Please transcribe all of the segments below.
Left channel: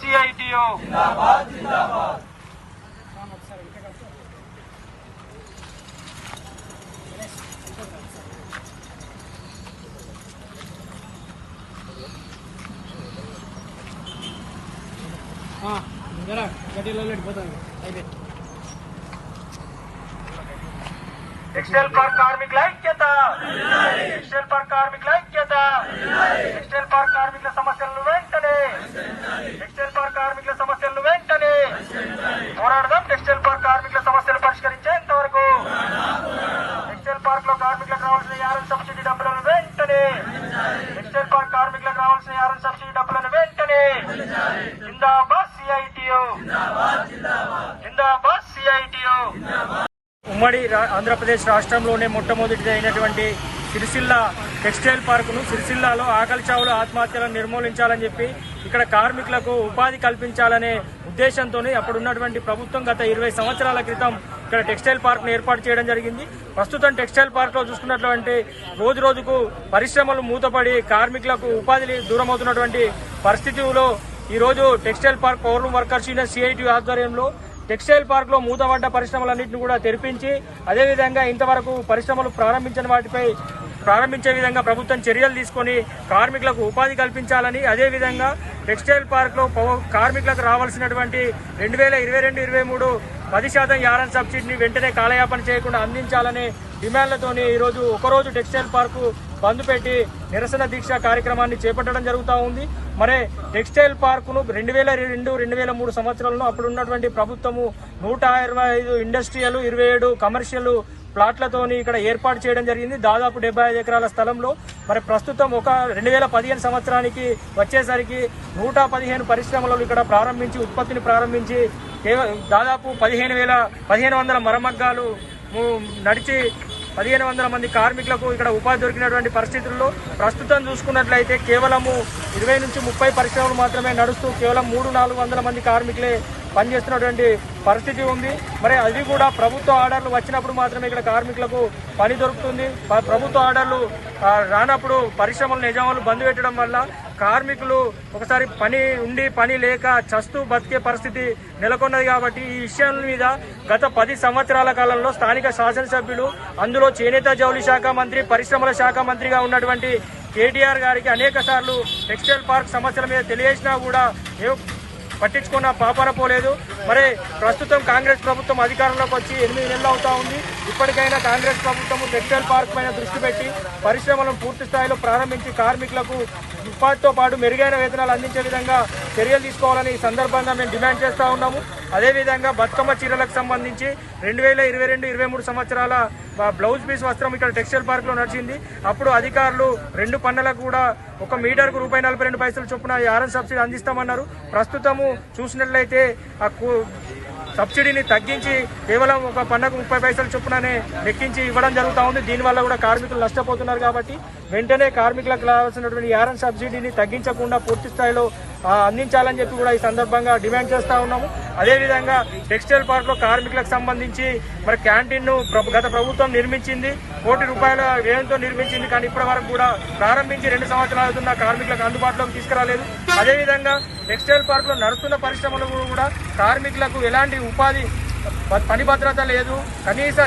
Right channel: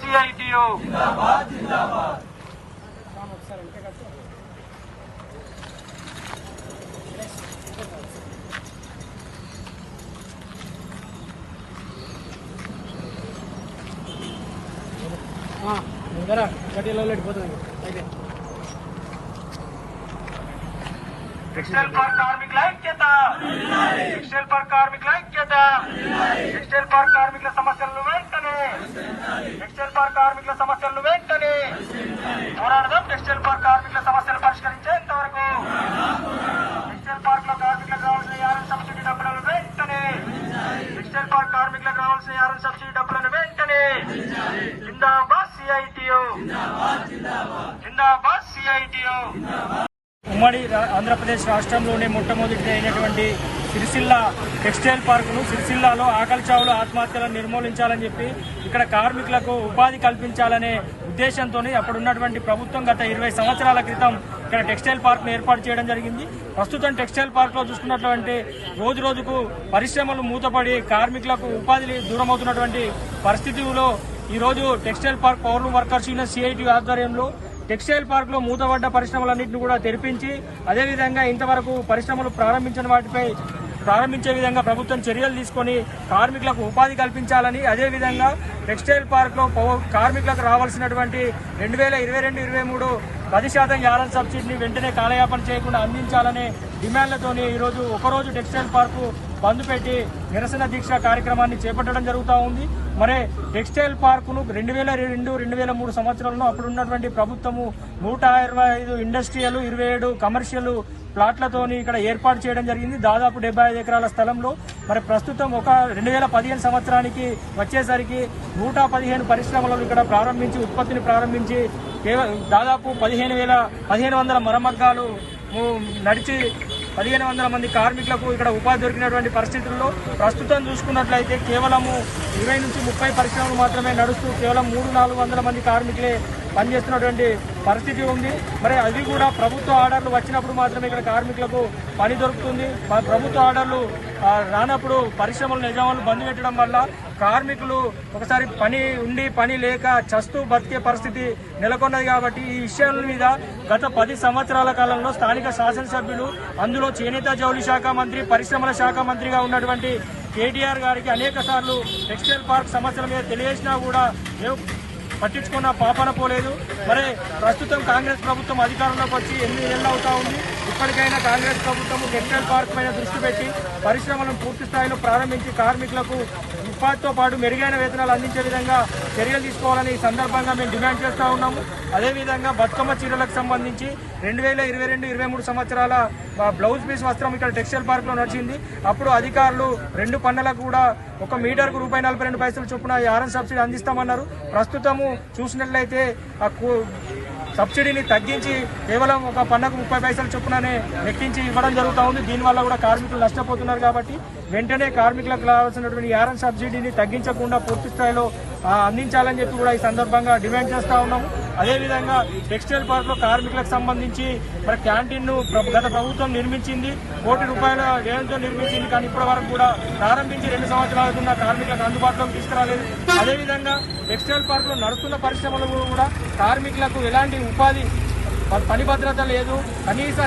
सीआईटीओ जिंदाबाद जिंदाबाद ಹಾಂ ಬರ ಗಡಿಯಲ್ಲೆಲ್ಲ ಇಟ್ಬೋದು ಎಕ್ಸ್ಟೆಲ್ ಪಾರ್ಕ್ ಕಾರ್ಮಿಕ ಲೈಕ್ ಕೇತ ಎಕ್ಸ್ಟೆಲ್ ಪಾರ್ಕ್ ಕಾರ್ಮಿಕ ಲೈಕ್ ಕೇತ ಎಕ್ಸ್ಟೆಲ್ ಪಾರ್ಕ್ పార్క్ కార్మికుల సమస్యలను వెంటనే పోరాడదాం. టెక్స్టైల్ పార్క్ కార్మికుల సమస్యలు పరిష్కరించేంత వరకు టెక్స్టైల్ పార్క్లో కార్మికులకు కావాల్సిన యారం సబ్సిడీ డబ్బులను వెంటనే టెక్స్టైల్ పార్క్ కార్మికులకు కావాల్సిన యారం సబ్సిడీ డబ్బులను వెంటనే జిందాబాద్ సిఐటియు. జిందాబాద్ సిఐటియు. ఉమ్మడి రా- ఆంధ్రప్రదేశ్ రాష్ట్రంలోనే మొట్టమొదటిగా అయినటువంటి సిరిసిల్ల టెక్స్టైల్ పార్కును సిరిసిల్లాలో ఆకలి చావులు ఆత్మహత్యలను నిర్మూలించాలని చెప్పి ఇక్కడ కార్మికులకు ఉపాధి కల్పించాలనే ఉద్దేశంతో అప్పుడున్నటువంటి ప్రభుత్వం గత ఇరవై సంవత్సరాల క్రితం ఇక్కడ టెక్స్టైల్ పార్క్ను ఏర్పాటు చేయడం జరిగింది. ప్రస్తుతం టెక్స్టైల్ పార్క్లో చూసుకున్నటువంటి రోజు రోజుకు పరిశ్రమలు మూతపడి కార్మికులకు ఉపాధి దూరమవుతున్నటువంటి పరిస్థితిలో ఈ రోజు textile park power workers union CIT ఆధ్వర్యంలో టెక్స్టైల్ పార్క్లో మూతపడ్డ పరిశ్రమలన్నింటినీ కూడా తెరిపించి అదేవిధంగా ఇంతవరకు పరిశ్రమలు ప్రారంభించిన వాటిపై ప్రారంభించే విధంగా ప్రభుత్వం చర్యలు తీసుకుని కార్మికులకు ఉపాధి కల్పించాలని అదేవిధంగా టెక్స్టైల్ పార్క్లో కార్మికులకు రావాల్సినటువంటి రెండు వేల ఇరవై రెండు ఇరవై మూడు పది శాతం యాలన్ సబ్సిడీని వెంటనే కాలయాపన చేయకుండా అందించాలనే డిమాండ్లతోనే ఈరోజు ఒకరోజు టెక్స్టైల్ పార్కు బంద్ పెట్టి నిరసన దీక్ష కార్యక్రమాన్ని చేపట్టడం జరుగుతూ ఉంది. మరి టెక్స్టైల్ పార్కును రెండు వేల రెండు రెండు వేల మూడు సంవత్సరాల్లో అప్పుడు ఉన్నటువంటి ప్రభుత్వము నూట ఇరవై ఐదు ఇండస్ట్రియల్ ఇరవై ఏడు కమర్షియల్ ప్లాట్లతోని ఇక్కడ ఏర్పాటు చేయడం జరిగింది. దాదాపు డెబ్బై ఐదు ఎకరాల స్థలంలో. మరి ప్రస్తుతం ఒక రెండు వేల పదిహేను సంవత్సరానికి వచ్చేసరికి నూట పదిహేను పరిశ్రమలు ఇక్కడ ప్రారంభించి ఉత్పత్తిని ప్రారంభించి దాదాపు పదిహేను వేల పదిహేను వందల మరమగ్గాలు నడిచి పదిహేను వందల మంది కార్మికులకు ఇక్కడ ఉపాధి దొరికినటువంటి పరిస్థితుల్లో ప్రస్తుతం చూసుకున్నట్లయితే కేవలము ఇరవై నుంచి ముప్పై పరిశ్రమలు మాత్రమే నడుస్తూ కేవలం మూడు నాలుగు వందల మంది కార్మికులే పనిచేస్తున్నటువంటి పరిస్థితి ఉంది. మరి అది కూడా ప్రభుత్వ ఆర్డర్లు వచ్చినప్పుడు మాత్రమే ఇక్కడ కార్మికులకు పని దొరుకుతుంది. ప్రభుత్వ ఆర్డర్లు రానప్పుడు పరిశ్రమలు నిజామాలు బంద్ పెట్టడం వల్ల కార్మికులు ఒకసారి పని ఉండి పని లేక చస్తూ బతికే పరిస్థితి నెలకొన్నది కాబట్టి ఈ విషయాల మీద గత పది సంవత్సరాల కాలంలో స్థానిక శాసనసభ్యులు అందులో చేనేత జౌళి శాఖ మంత్రి పరిశ్రమల శాఖ మంత్రిగా ఉన్నటువంటి కేటీఆర్ గారికి అనేక సార్లు టెక్స్టైల్ పార్క్ సమస్యల మీద తెలియజేసినా కూడా పట్టించుకున్న పాపన పోలేదు. మరి ప్రస్తుతం కాంగ్రెస్ ప్రభుత్వం అధికారంలోకి వచ్చి ఎన్ని నెలలు అవుతా ఉంది? ఇప్పటికైనా కాంగ్రెస్ ప్రభుత్వం టెక్స్టైల్ పార్క్ పైన దృష్టి పెట్టి పరిశ్రమలను పూర్తి స్థాయిలో ప్రారంభించి కార్మికులకు ఉపాధితో పాటు మెరుగైన వేతనాలు అందించే విధంగా చర్యలు తీసుకోవాలని ఈ సందర్భంగా మేము డిమాండ్ చేస్తూ ఉన్నాము. అదేవిధంగా బతుకమ్మ చీరలకు సంబంధించి రెండు వేల ఇరవై రెండు ఇరవై మూడు సంవత్సరాల బ్లౌజ్ పీస్ వస్త్రం ఇక్కడ టెక్స్టైల్ పార్క్లో నడిచింది. అప్పుడు అధికారులు రెండు పన్నులకు కూడా ఒక మీటర్కు రూపాయి నలభై రెండు పైసలు చొప్పున ఆర్ఎన్ సబ్సిడీ అందిస్తామన్నారు. ప్రస్తుతము చూసినట్లయితే ఆ సబ్సిడీని తగ్గించి కేవలం ఒక పన్నకు ముప్పై పైసలు చొప్పుననే లెక్కించి ఇవ్వడం జరుగుతూ ఉంది. దీనివల్ల కూడా కార్మికులు నష్టపోతున్నారు కాబట్టి వెంటనే కార్మికులకు రావాల్సినటువంటి యారం సబ్సిడీని తగ్గించకుండా పూర్తి స్థాయిలో అందించాలని చెప్పి కూడా ఈ సందర్భంగా డిమాండ్ చేస్తా ఉన్నాము. అదేవిధంగా టెక్స్టైల్ పార్క్లో కార్మికులకు సంబంధించి మరి క్యాంటీన్ను గత ప్రభుత్వం నిర్మించింది. కోటి రూపాయల వ్యయంతో నిర్మించింది. కానీ ఇప్పటి వరకు కూడా ప్రారంభించి రెండు సంవత్సరాలు ఉన్న కార్మికులకు అందుబాటులోకి తీసుకురాలేదు. అదేవిధంగా టెక్స్టైల్ పార్క్లో నడుస్తున్న పరిశ్రమలు కూడా కార్మికులకు ఎలాంటి ఉపాధి పని భద్రత లేదు. కనీస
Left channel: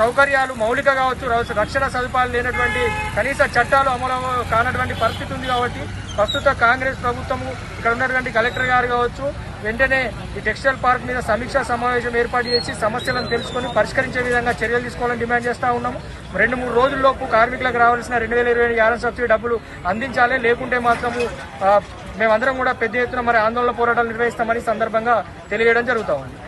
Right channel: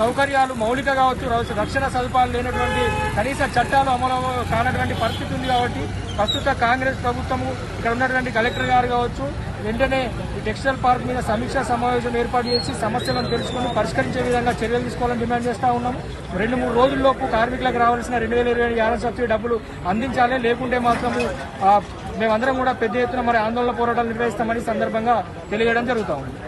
సౌకర్యాలు మౌలిక కావచ్చు రక్షణ సదుపాయాలు లేనటువంటి కనీస చట్టాలు అమలు కానటువంటి పరిస్థితి ఉంది కాబట్టి ప్రస్తుత కాంగ్రెస్ ప్రభుత్వము ఇక్కడ ఉన్నటువంటి కలెక్టర్ గారు కావచ్చు వెంటనే ఈ టెక్స్టైల్ పార్క్ మీద సమీక్షా సమావేశం ఏర్పాటు చేసి సమస్యలను తెలుసుకొని పరిష్కరించే విధంగా చర్యలు తీసుకోవాలని డిమాండ్ చేస్తూ ఉన్నాము. రెండు మూడు రోజుల్లోపు కార్మికులకు రావాల్సిన రెండు వేల ఇరవై యానం సబ్సిడీ డబ్బులు అందించాలి. లేకుంటే మాత్రము మేమందరం కూడా పెద్ద ఎత్తున మరి ఆందోళన పోరాటాలు నిర్వహిస్తామని సందర్భంగా తెలియజేయడం జరుగుతూ ఉంది.